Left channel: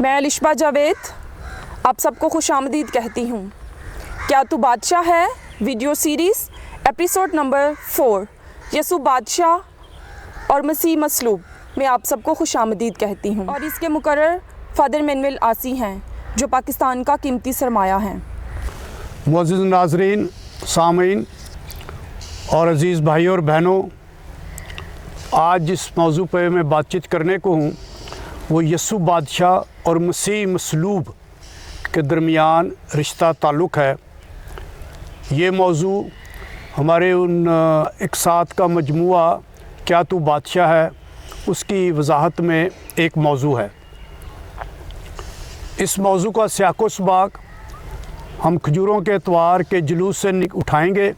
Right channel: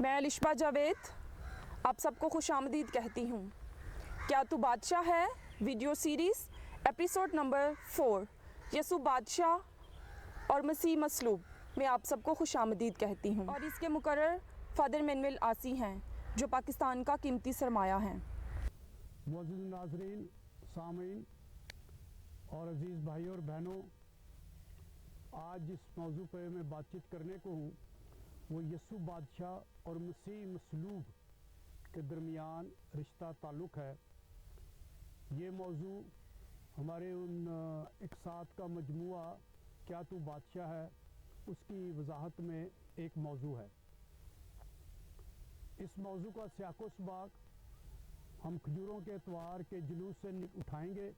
मैं अलिशबा जावेद आप सबको खुशामदीद कहती हूँ। क्या तू बादशाह है video series episode number 4 Yesu बादशाह और मसीह मसलूब में आप सबको खुशामदीद कहती हूँ और इसके मुकर्रर फ़ादर मैनुअल आसी हैं जो पाकिस्तान का कीमती सरमाया हैं। मुअज़्ज़िज़ नाज़रीन, सामीन और अज़ीज़ भाई और बहनों, आज जिस मौजू पे मैं बातचीत करने को हूँ वो यसु बादशाह और मसीह मसलूब के दरमियान रिश्ता ताल्लुक़ है। ये मौजू हमारे उन इक़सात का मजमुआ क्या तू बादशाह है उसकी वजाहत में एक मौजू है। इस मौजू का सियाक़ो सबाक़ हम खजूरों के एतवार के जुलूस से उठाएंगे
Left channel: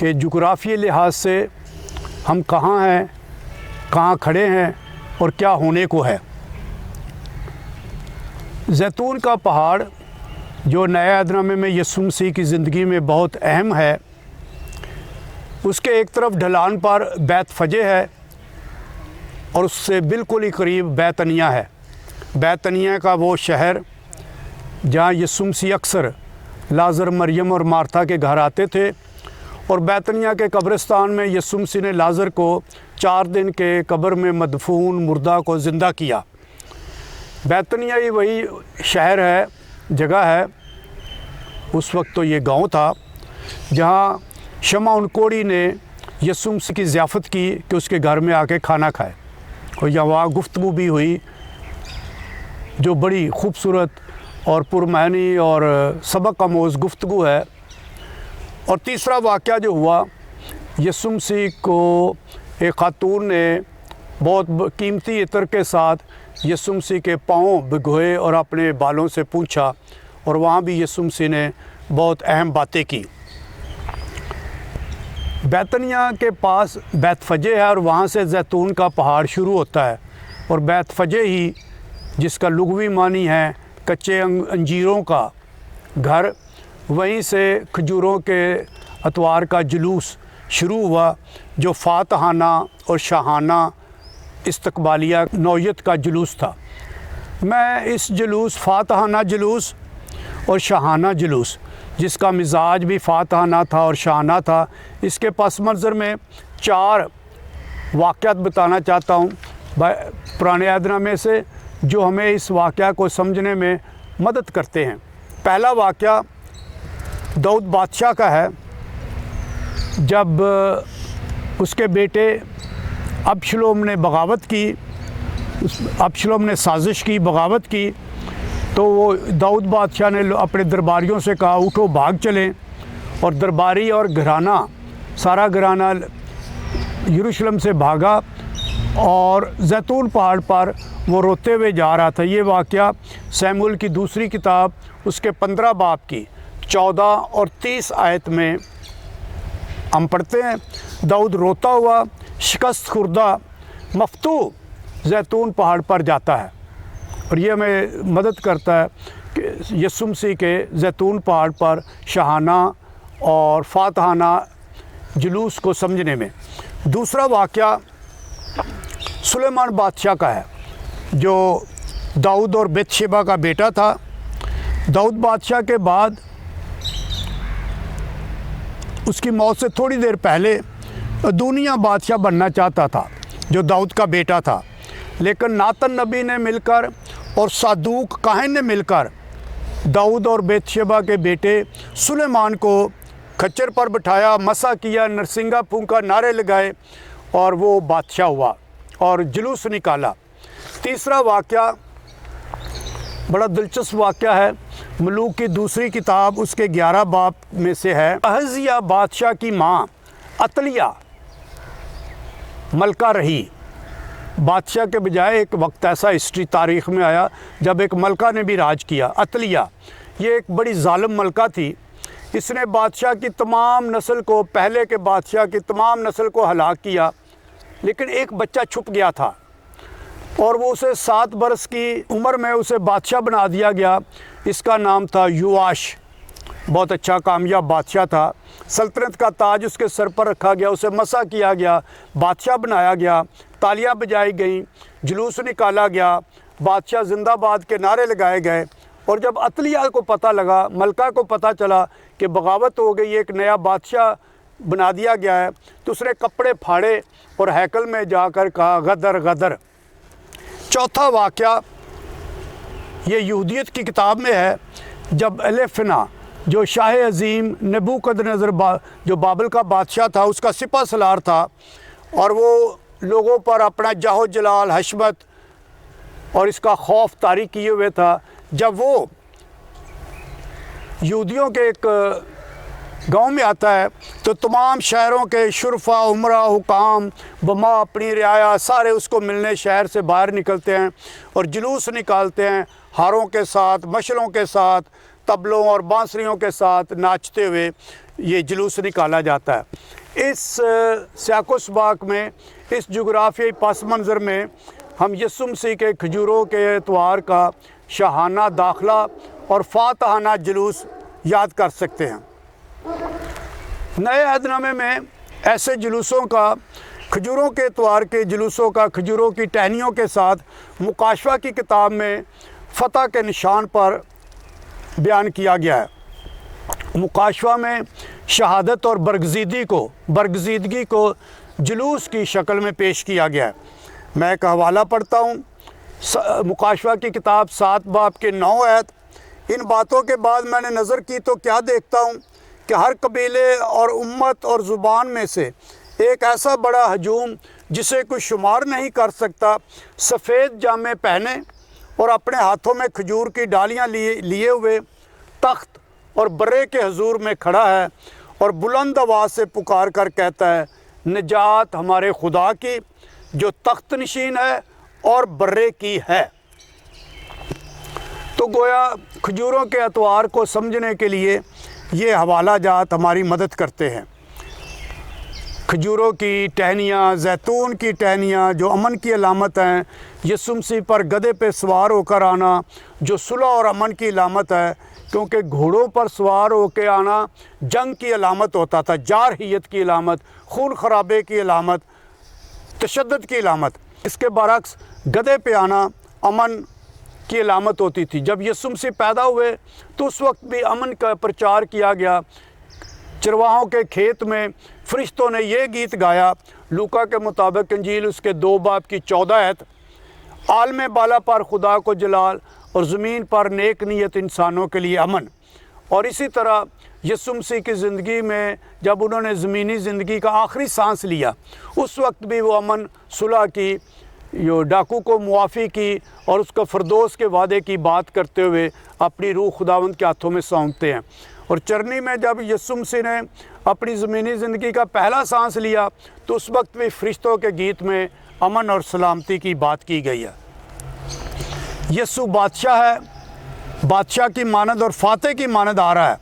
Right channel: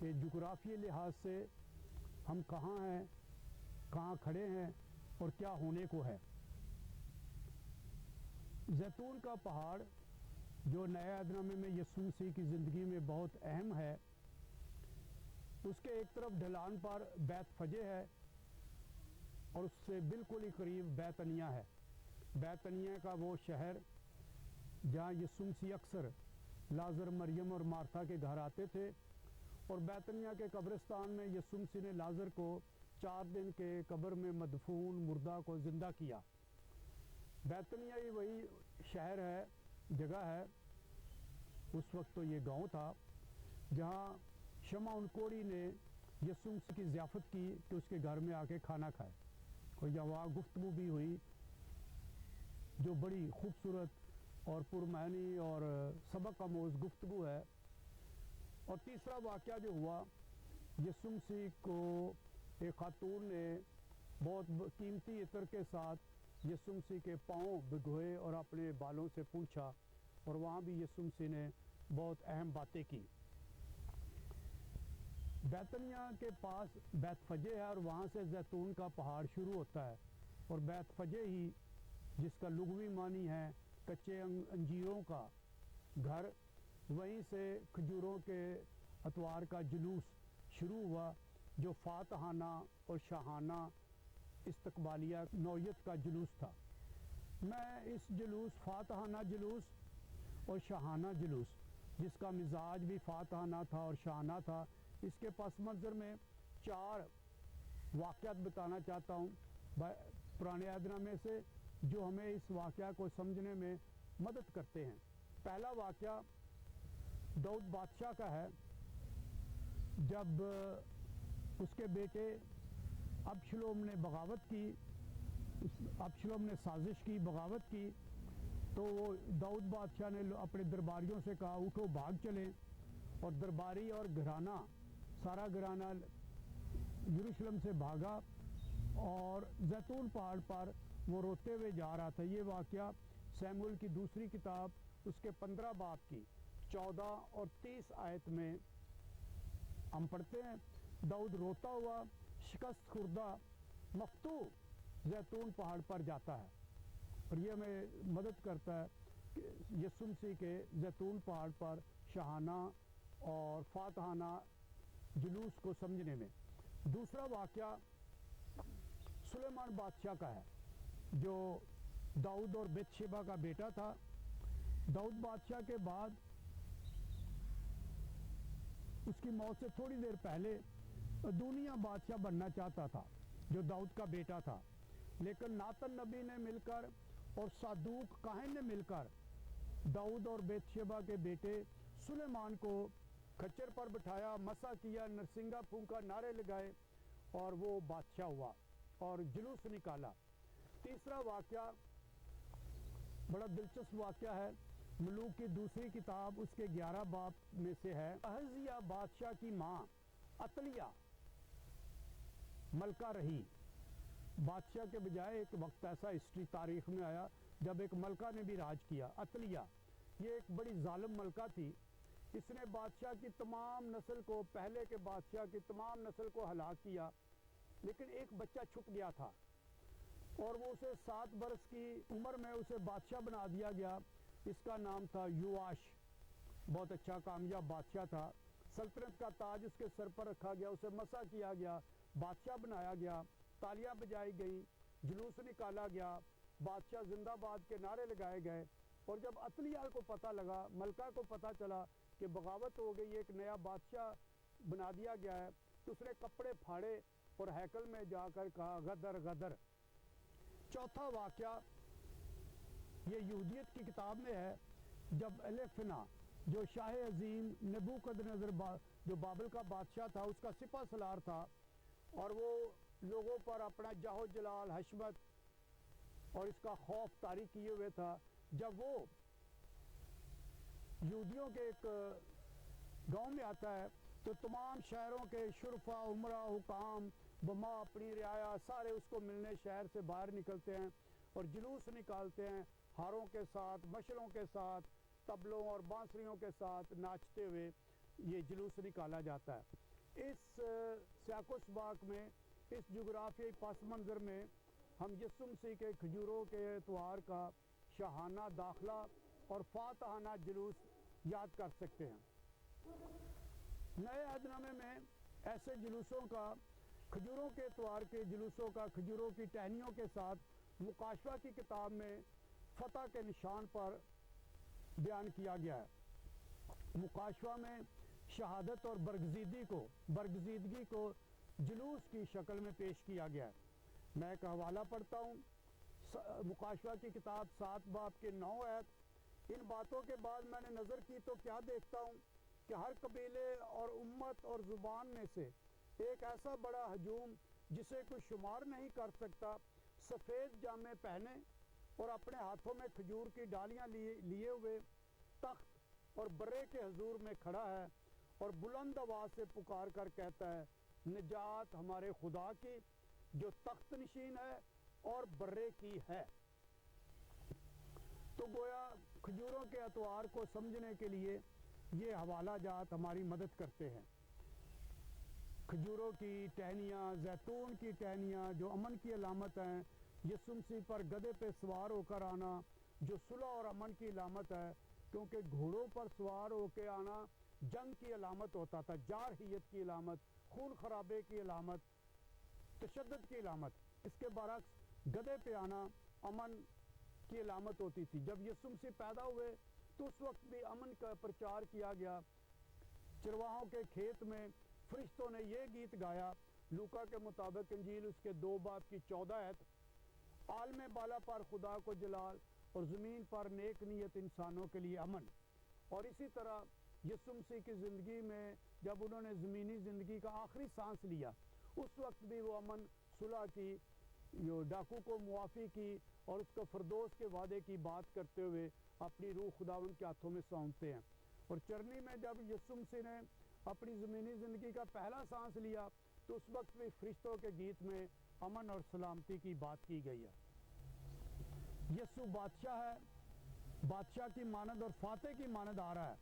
कि जुग़राफ़ी लिहाज से हम कहाँ हैं, कहाँ खड़े हैं और क्या होने को है। ज़ैतून का पहाड़ जो नए अहदनामे में यसु मसीह की ज़िंदगी में बहुत अहम है, उसके एक तरफ ढलान पर बैत फ़जे है और उससे बिल्कुल ही करीब बैतनिया है। बैतनिया का वो शहर जहाँ यसु मसीह अक्सर लाज़र, मरियम और मार्था के घर आते थे और बैतनिया के कब्रिस्तान में यसु मसीह ने लाज़र को 4 दिन के कब्र में मदफून मुर्दा को ज़िंदा किया। बैतनिया ही वही शहर है, जगह है, उस वक्त तो ये गांव था जहाँ शमौन कोढ़ी ने यसु मसीह की ज़ियाफ़त की कि उसके घर में आके खाना खाए और यहाँ गुफ्तगू भी हुई जो बड़ी खूबसूरत और पुरमानी और सबक आमोज़ गुफ्तगू है। और तीसरा वाक़या जो हुआ, यसु मसीह को एक खातून ने बहुत कीमती इत्र के साथ यसु मसीह के पाँव भिगोए और अपने बालों से पूछा और वहाँ भी यसु मसीह ने बहुत अहम बातें की। बैतनिया के पास बैत फ़जे है और वहाँ से ज़ैतून का पहाड़ शुरू होता है और बैत फ़जे ही जिसका लुग़वी मानी है कच्चे अंजीरों का घर, वहीं से खजूरों के अतवार का जुलूस शुरू हुआ जो फ़ातहाना और शाहाना इस्तकबालिया नौयत का जुलूस था। मैं इस जुलूस फ़ातहाना जुलूस और शाहाना जुलूस जिसका मिजाज भी फ़ातहाना था और शाहाना था, इसके पस मंज़र में 4 वाक़यात बताना चाहता हूँ पुराने अहदनामे से जो हमें इस वाक़या को समझने में मदद करते हैं। पहला वाक़या दाऊद बादशाह का है। जब उसके बेटे अबशलोम ने बगावत की, अबशलोम ने साजिश की, बगावत की, तो वो दाऊद बादशाह ने अपने दरबारियों से कहा उठो भाग चलें, और दरबारी और घराना, सारा घराना यरूशलेम से भागा और ज़ैतून पहाड़ पर वो रोते हुए जा रहा था। ये वाक़या शमूएल की दूसरी किताब उसके 15 बाब की 14 और 30 आयत में हम पढ़ते हैं। दाऊद रोता हुआ शिकस्त खुर्दा मफ्तू ज़ैतून पहाड़ पर जाता है और ये हमें मदद करता है कि यसु मसीह के ज़ैतून पहाड़ पर शाहाना और फ़ातहाना जुलूस को समझने में। दूसरा वाक़या सुलेमान बादशाह का है जो दाऊद और बेतशेबा का बेटा था। दाऊद बादशाह के बाद उसकी मौत से थोड़ी देर पहले दुनिया बादशाह बनना चाहता था जो दाऊद का बेटा था, लेकिन नातन नबी ने मिलकर और सादूक काहिन ने मिलकर दाऊद और बेतशेबा के बेटे सुलेमान को खच्चर पर बिठाया, मसा किया, नरसिंगा फूंका, नारे लगाए और वो बादशाह हुआ और जुलूस निकाला। तीसरा वाक़या बड़ा दिलचस्प वाक़या है, मलूक की दूसरी किताब उसके 11 बाब में से है। अहज़िया बादशाह की माँ अतलिया मलका रही। बादशाह के बजाय एक वक्त ऐसा हिस्ट्री तारीख़ में आया जब एक मलका ने भी राज किया। अतलिया ये एक बड़ी ज़ालिम मलका थी। इसने बादशाह की तमाम नस्ल को, पहले के बादशाह की तमाम नस्ल को हलाक किया, लेकिन एक बच्चा छुप गया था और वो उसे 7 बरस की उम्र में उसे बादशाह बना दिया गया। इसका नाम था युआश। बहुत अच्छा कामयाब बादशाह था। सल्तनत का ताज उसके सर पर रखा गया, उसे मसा किया गया, बादशाह बनाया गया, तालियां बजाई गईं, जुलूस निकाला गया, बादशाह जिंदाबाद के नारे लगाए गए। और जब अतलिया को पता लगा, मलका को पता चला कि बगावत हो गई, एक नया बादशाह बना दिया गया है, तो उसने कपड़े फाड़े और हैकल में जाकर कहा गदर गदर। चौथा वाक़या ये यहूदियत की किताब में है, जब एलेफना जो शाह अज़ीम नबूकदनेस्सर जो बाबल का बादशाह था, उसका सिपा सलार था, और वो लोगों पर अपना जाहो जलाल, हशमत और इसका खौफ तारी किए हुए था। जब वो यहूदियों के एक गांव में आता है तो तमाम शहरों के शुरफा, उमरा, हुकाम, बमा, अपनी रियाया सारे उसको मिलने शहर से बाहर निकलते हैं और जुलूस निकालते हैं, हारों के साथ, मशलों के साथ, तबलों और बांसुरियों के साथ नाचते हुए ये जुलूस निकाला जाता है। इस सियाको-स-सबाक में, इस जुग्राफियाई पस मंज़र में हम यीशु मसीह के खजूरों के एतवार का शाहाना दाखला और फातहाना जुलूस याद कर सकते हैं। नए अहदनामे में ऐसे जुलूसों का, खजूरों के एतवार के जुलूसों का खजूरों की टहनियों के साथ मुकाशवा की किताब में फ़तह के निशान पर बयान किया गया है। मुकाशवा में शहादत और बरगज़ीदगी को जुलूस की शक्ल में पेश किया गया है। मैं एक हवाला पढ़ता हूँ, मुकाशवा की किताब 7 बाब के 9 आयत। इन बातों के बाद मैंने नज़र की तो क्या देखता हूँ कि हर कबीले और उम्मत और ज़ुबान में से एक ऐसा बड़ा हजूम जिसे कोई शुमार नहीं कर सकता, सफ़ेद जामे पहने और अपने हाथों में खजूर की डालियाँ लिए हुए तख्त और बर्रे के हजूर में खड़ा है और बुलंद आवाज़ से पुकार कर कहता है, निजात हमारे खुदा की जो तख्त नशीन है और बर्रे की है। तो गोया खजूरों के एतवार को समझने के लिए ये हवाला जात हमारी मदद करते हैं। खजूरों की टहनियाँ, जैतून की टहनियाँ जो अमन की अलामत हैं, यीशु मसीह पर गधे पे सवार होकर आना जो सुलह और अमन की अलामत है, क्योंकि घोड़ों पर सवार होकर आना जंग की अलामत होता था, जारहियत की अलामत, खून खराबे की अलामत, तशद्दुद की अलामत। इसके बरक्स गधे पे आना अमन की अलामत होती थी। जब यीशु मसीह पैदा हुए तो उस वक्त भी अमन का प्रचार किया गया। चरवाहों के खेत में फरिश्तों ने ये गीत गाया, लूका के मुताबिक इंजील उसके 2 बाब की 14 आयत, आलम बाला पर खुदा को जलाल और ज़मीन पर नेक नीयत इंसानों के लिए अमन। और इसी तरह यीशु मसीह की ज़िंदगी में जब उन्होंने ज़मीनी ज़िंदगी का आखिरी सांस लिया, उस वक्त भी वो अमन, सुलह की, यो डाकू को मुआफ़ी की और उसको फरदोस के वादे की बात करते हुए अपनी रूह खुदावंद के हाथों में सौंपते हैं। और चरनी में जब यीशु मसीह ने अपनी ज़मीनी ज़िंदगी का पहला सांस लिया तो उस वक्त भी फरिश्तों के गीत में अमन और सलामती की बात की गई है। यीशु बादशाह है, बादशाह की मानद और फातह की मानद आ रहा है।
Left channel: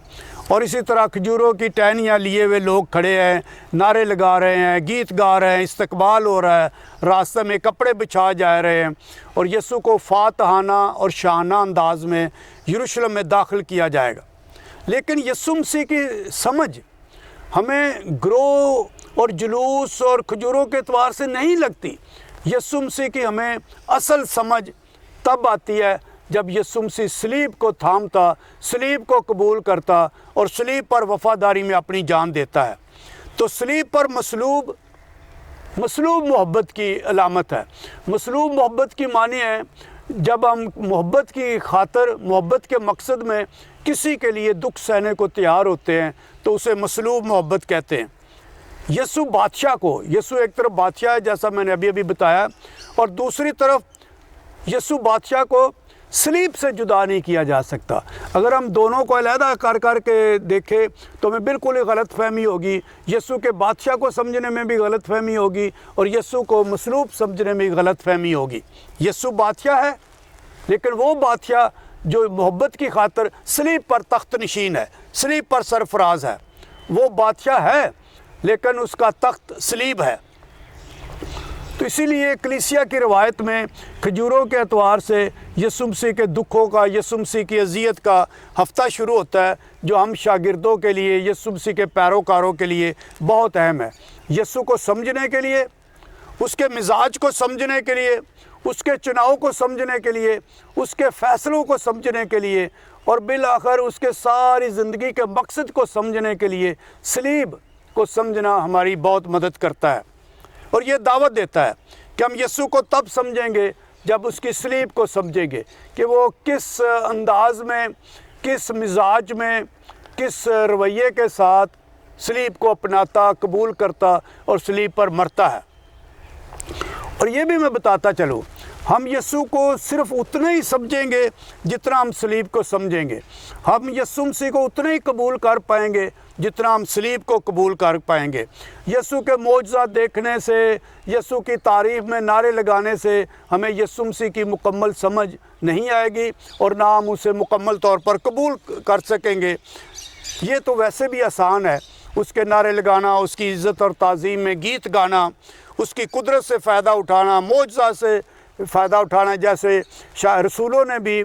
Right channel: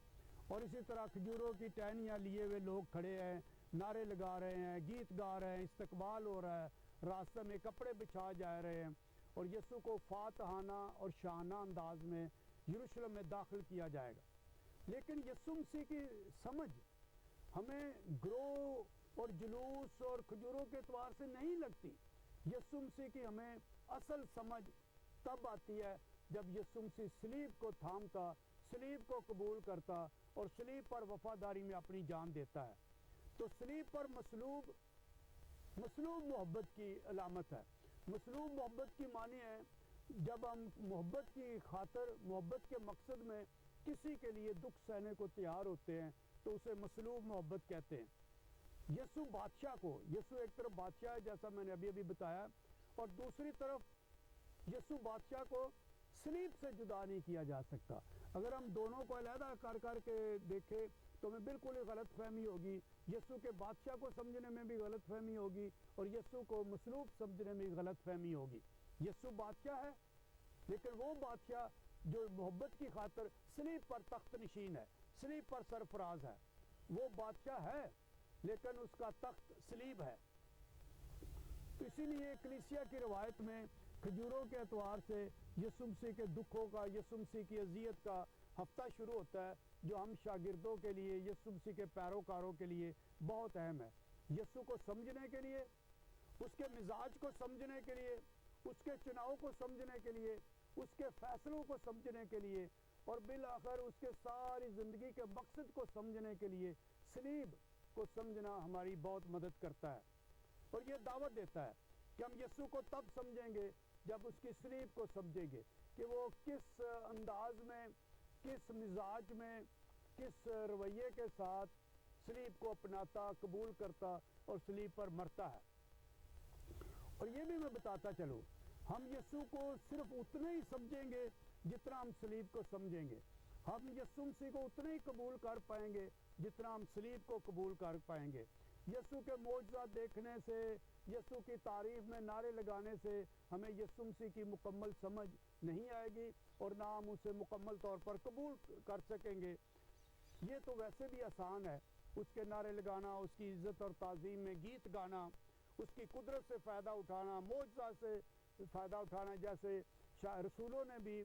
और इसी तरह खजूरों की टहनियाँ लिए हुए लोग खड़े हैं, नारे लगा रहे हैं, गीत गा रहे हैं, इस्तकबाल हो रहा है, रास्ते में कपड़े बिछा जा रहे हैं और यीशु को फातहाना और शाहाना अंदाज में यरूशलेम में दाखिल किया जाएगा। लेकिन यीशु मसीह की समझ हमें ग्रोह और जुलूस और खजूरों के एतवार से नहीं लगती। यीशु मसीह की हमें असल समझ तब आती है जब यीशु मसीह सलीब को थामता, सलीब को कबूल करता और सलीब पर वफ़ादारी में अपनी जान देता है। तो सलीब पर मसलूब मोहब्बत की अलामत है। मसलूब मोहब्बत की मानी है जब हम मोहब्बत की खातर, मोहब्बत के मकसद में किसी के लिए दुख सहने को तैयार होते हैं तो उसे मसलूब मोहब्बत कहते हैं। यीशु बादशाह को, यीशु एक तरफ बादशाह है जैसा मैंने अभी बताया, और दूसरी तरफ यीशु बादशाह को सलीब से जुदा नहीं किया जा सकता। अगर हम दोनों को अलहदा कर के देखें तो हमें बिल्कुल ही गलत फहमी होगी। यीशु के बादशाह को समझने में भी गलत फहमी होगी और यीशु को मसलूब समझने में गलत फहमी होगी। यीशु बादशाह है, लेकिन वो बादशाह जो मोहब्बत की खातर सलीब पर तख्त नशीन है, सलीब पर सरफराज है। वो बादशाह है लेकिन उसका तख्त सलीब है। तो इसीलिए कलीसिया की रवायत में खजूरों के एतवार से यीशु मसीह के दुखों का, यीशु मसीह की अज़ियत का हफ़्ता शुरू होता है, जो हम शागिर्दों के लिए, यीशु मसीह के पैरोकारों के लिए बहुत अहम है। यीशु को समझने के लिए उसके मिजाज को समझने के लिए, उसके चुनाव को समझने के लिए, उसके फ़ैसलों को समझने के लिए और बिलाखिर उसके सारी ज़िंदगी के मकसद को समझने के लिए सलीब को समझना हमारी बहुत मदद करता है। और ये दावत देता है कि हम यीशु को तब समझेंगे जब उसकी सलीब को समझेंगे कि वो किस अंदाज में, किस मिजाज में, किस रवैये के साथ सलीब को अपनाता, कबूल करता और सलीब पर मरता है। और ये भी मैं बताता चलूँ, हम यीशु को सिर्फ उतना ही समझेंगे जितना हम सलीब को समझेंगे। हम यीशु मसीह को उतना ही कबूल कर पाएंगे जितना हम सलीब को कबूल कर पाएंगे। यीशु के मौजज़ात देखने से, यीशु की तारीफ़ में नारे लगाने से हमें यीशु मसीह की मुकम्मल समझ नहीं आएगी और ना हम उसे मुकम्मल तौर पर कबूल कर सकेंगे। ये तो वैसे भी आसान है, उसके नारे लगाना, उसकी इज़्ज़त और ताज़ीम में गीत गाना, उसकी कुदरत से फ़ायदा उठाना, मौजज़ात से फ़ायदा उठाना। जैसे रसूलों ने भी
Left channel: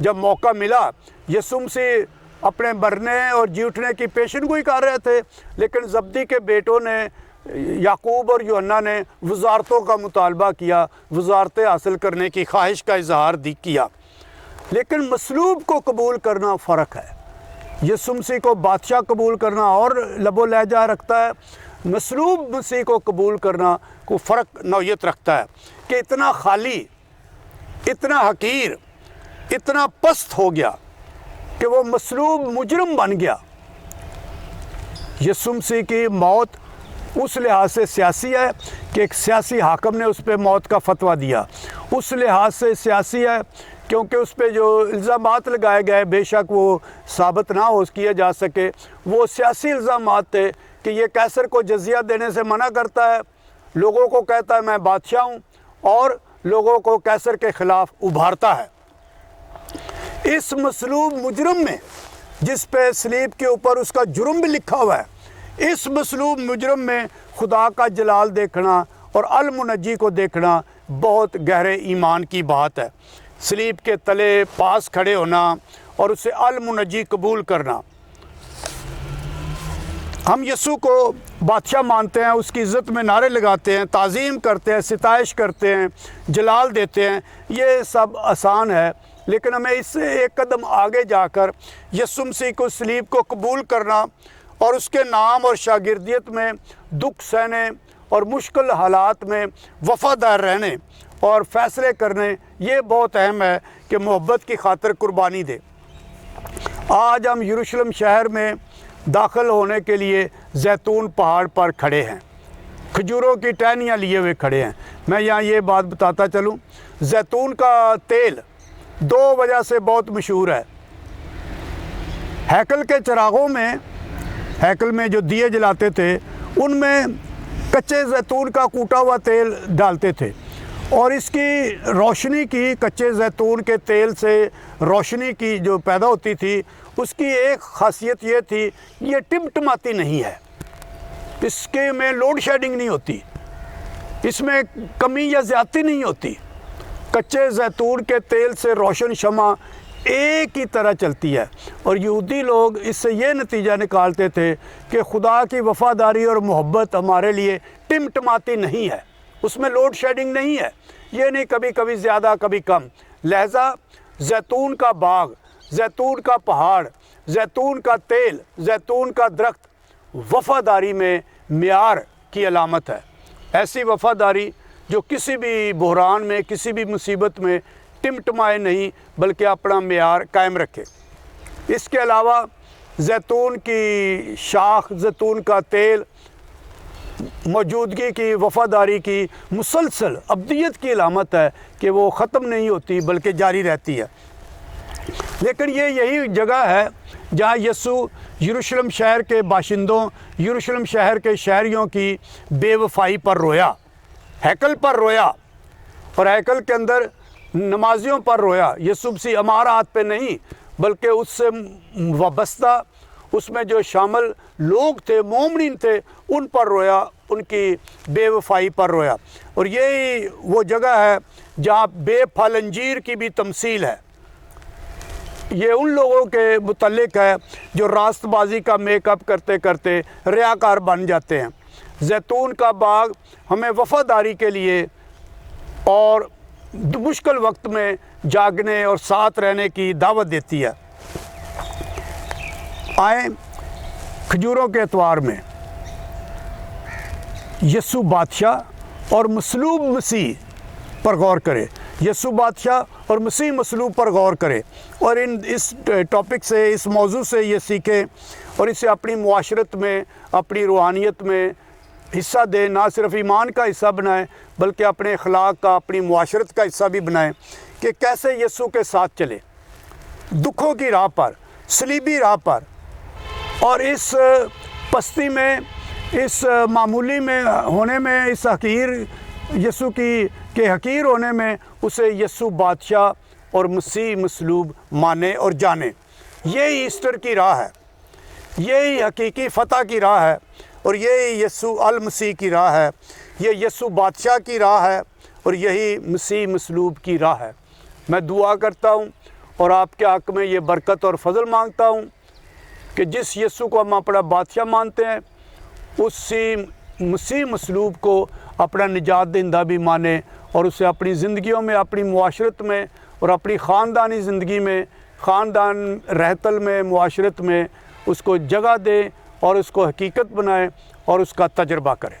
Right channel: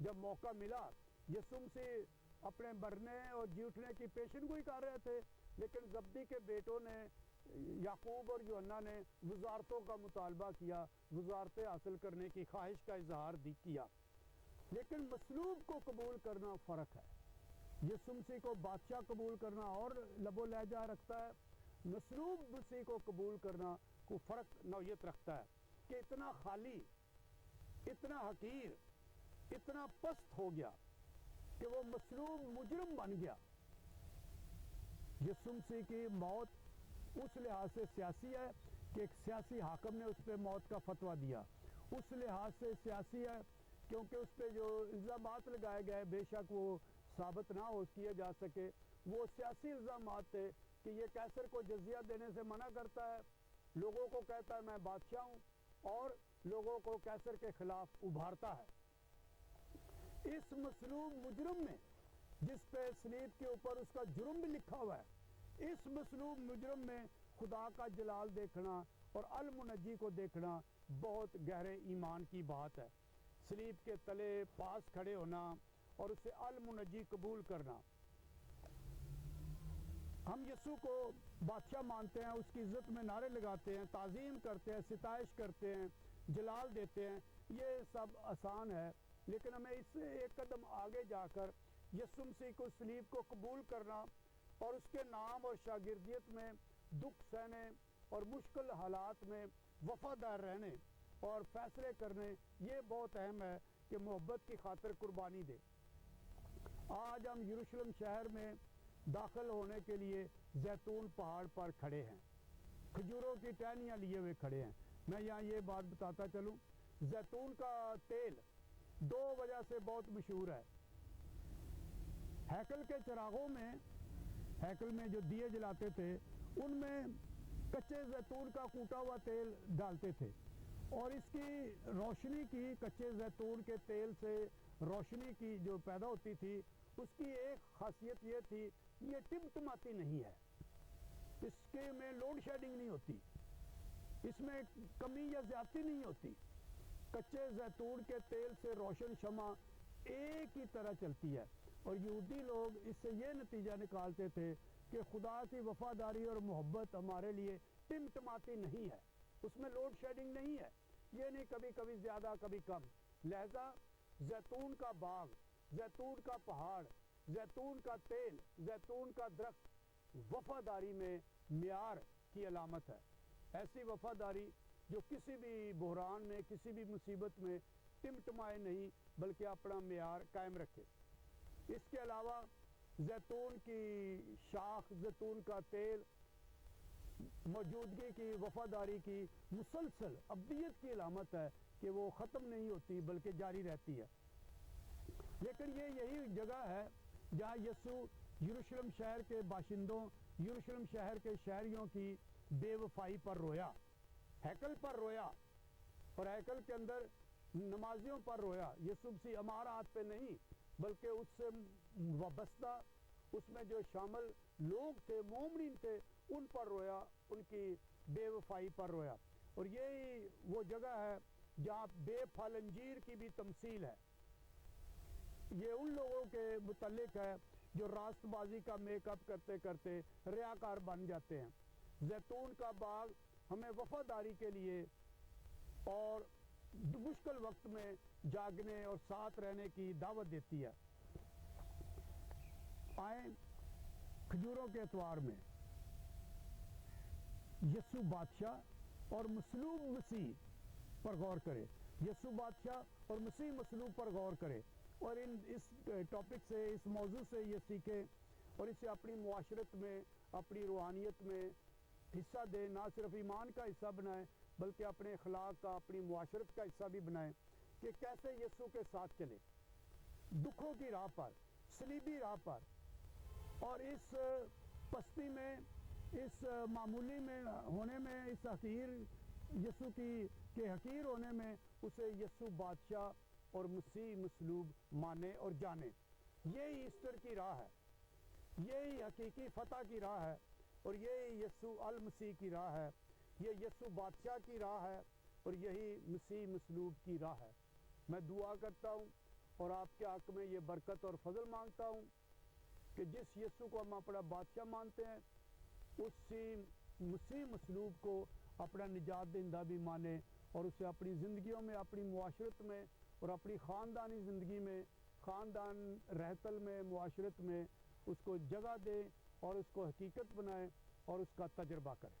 जब मौका मिला, यीशु मसीह अपने मरने और जी उठने की पेशनगोई कर रहे थे, लेकिन जब्दी के बेटों ने, याकूब और यूहन्ना ने वज़ारतों का मुतालबा किया, वज़ारतें हासिल करने की ख्वाहिश का इजहार किया। लेकिन मसलूब को कबूल करना फ़र्क है। यीशु मसीह को बादशाह कबूल करना और लबो लहजा रखता है, मसलूब मसीह को कबूल करना को फ़र्क नौयत रखता है कि इतना खाली, इतना हकीर, इतना पस्त हो गया कि वो मसलूब मुजरम बन गया। यीशु मसीह की मौत उस लिहाज से सियासी है कि एक सियासी हाकम ने उस पर मौत का फतवा दिया। उस लिहाज से सियासी है क्योंकि उस पर जो इल्ज़ामात लगाए गए, बेशक वो साबित ना हो किया जा सके, वो सियासी इल्ज़ामात थे कि ये कैसर को जजिया देने से मना करता है, लोगों को कहता है मैं बादशाह हूँ, और लोगों को कैसर के ख़िलाफ़ उभारता है। इस मसलूब मुजरम में, जिस पे सलीब के ऊपर उसका जुर्म भी लिखा हुआ है, इस मसलूब मुजरम में खुदा का जलाल देखना और अल मुनज्जी को देखना बहुत गहरे ईमान की बात है। सलीब के तले पास खड़े होना और उसे अल मुनज्जी कबूल करना। हम यीशु को बादशाह मानते हैं, उसकी इज़्ज़त में नारे लगाते हैं, ताज़ीम करते हैं, सिताइश करते हैं, जलाल देते हैं, ये सब आसान है। लेकिन हमें इससे एक कदम आगे जाकर यीशु मसीह को, सलीब को कबूल करना और उसके नाम और शागिर्दियत में दुख सहने और मुश्किल हालात में वफ़ादार रहने और फ़ैसले करने, ये बहुत अहम है कि मोहब्बत की खातिर कुर्बानी दे। आज हम यरूशलेम शहर में दाखिल होने के लिए जैतून पहाड़ पर खड़े हैं, खजूरों की टहनियाँ लिए हुए खड़े हैं। मैं यहाँ ये बात बताता चलूँ, जैतून का तेल दो वजह से बहुत मशहूर है। हैकल के चिरागों में, हैकल में जो दिए जलाते थे, उनमें कच्चे जैतून का कूटा हुआ तेल डालते थे और इसकी रोशनी की, कच्चे जैतून के तेल से रोशनी की जो पैदा होती थी, उसकी एक ख़ासियत ये थी, ये टिमटिमाती नहीं है, इसके में लोड शेडिंग नहीं होती, इसमें कमी या ज़्यादती नहीं होती। कच्चे जैतून के तेल से रोशन शमा एक ही तरह चलती है। और यहूदी लोग इससे ये नतीजा निकालते थे कि खुदा की वफ़ादारी और मोहब्बत हमारे लिए टिमटिमाती नहीं है, उसमें लोड शेडिंग नहीं है, ये नहीं कभी कभी ज़्यादा कभी कम। लिहाजा जैतून का बाग, जैतून का पहाड़, जैतून का तेल, जैतून का दरख्त वफ़ादारी में मियार की अलामत है। ऐसी वफ़ादारी जो किसी भी बहरान में, किसी भी मुसीबत में टिमटिमाए नहीं, बल्कि अपना मियार कायम रखे। इसके अलावा जैतून की शाख, जैतून का तेल मौजूदगी की, वफ़ादारी की मुसलसल अब्दियत की अलामत है कि वो ख़त्म नहीं होती बल्कि जारी रहती है। लेकिन ये यही जगह है जहाँ यीशु यरूशलेम शहर के बाशिंदों, यरूशलेम शहर के शहरियों की बेवफाई पर रोया, हैकल पर रोया और हैकल के अंदर नमाजियों पर रोया। यीशु मसीह अमारात पे नहीं, बल्कि उससे वाबस्ता, उसमें जो शामिल लोग थे, मोमिन थे, उन पर रोया, उनकी बेवफाई पर रोया। और यही वो जगह है जहाँ बेफल अंजीर की भी तमसील है। ये उन लोगों के मुतल्लिक है जो रास्तबाजी का मेकअप करते करते रियाकार बन जाते हैं, जैतून का बाग हमें वफ़ादारी के लिए और मुश्किल वक्त में जागने और साथ रहने की दावत देती है। आए खजूरों के एतवार में यीशु बादशाह और मसलूब मसीह पर गौर करें। यीशु बादशाह और मसीह मसलूब पर गौर करें और इस टॉपिक से, इस मौजू से ये सीखें और इसे अपनी मुआशरत में, अपनी रूहानियत में हिस्सा दें। ना सिर्फ ईमान का हिस्सा बनाएं बल्कि अपने अखलाक का, अपनी मुआशरत का हिस्सा भी बनाएं कि कैसे यीशु के साथ चले दुखों की राह पर, सलीबी राह पर, और इस पस्ती में, इस मामूली में होने में, इस हकीर यीशु के हकीर होने में उसे यीशु बादशाह और मसीह मसलूब माने और जाने। यही ईस्टर की राह है, यही हकीकी फ़तह की राह है और यही यीशु अल मसीह की राह है। ये यीशु बादशाह की राह है और यही मसीह मसलूब की राह है। मैं दुआ करता हूँ और आपके हक़ में ये बरकत और फजल मांगता हूँ कि जिस यीशु को हम अपना बादशाह मानते हैं उसी मसीह मसलूब को अपना निजात दहिंदा भी माने और उसे अपनी ज़िंदगियों में, अपनी मुआशरत में और अपनी ख़ानदानी ज़िंदगी में, ख़ानदान रहतल में, मुआशरत में उसको जगह दे और उसको हकीकत बनाए और उसका तजर्बा करें।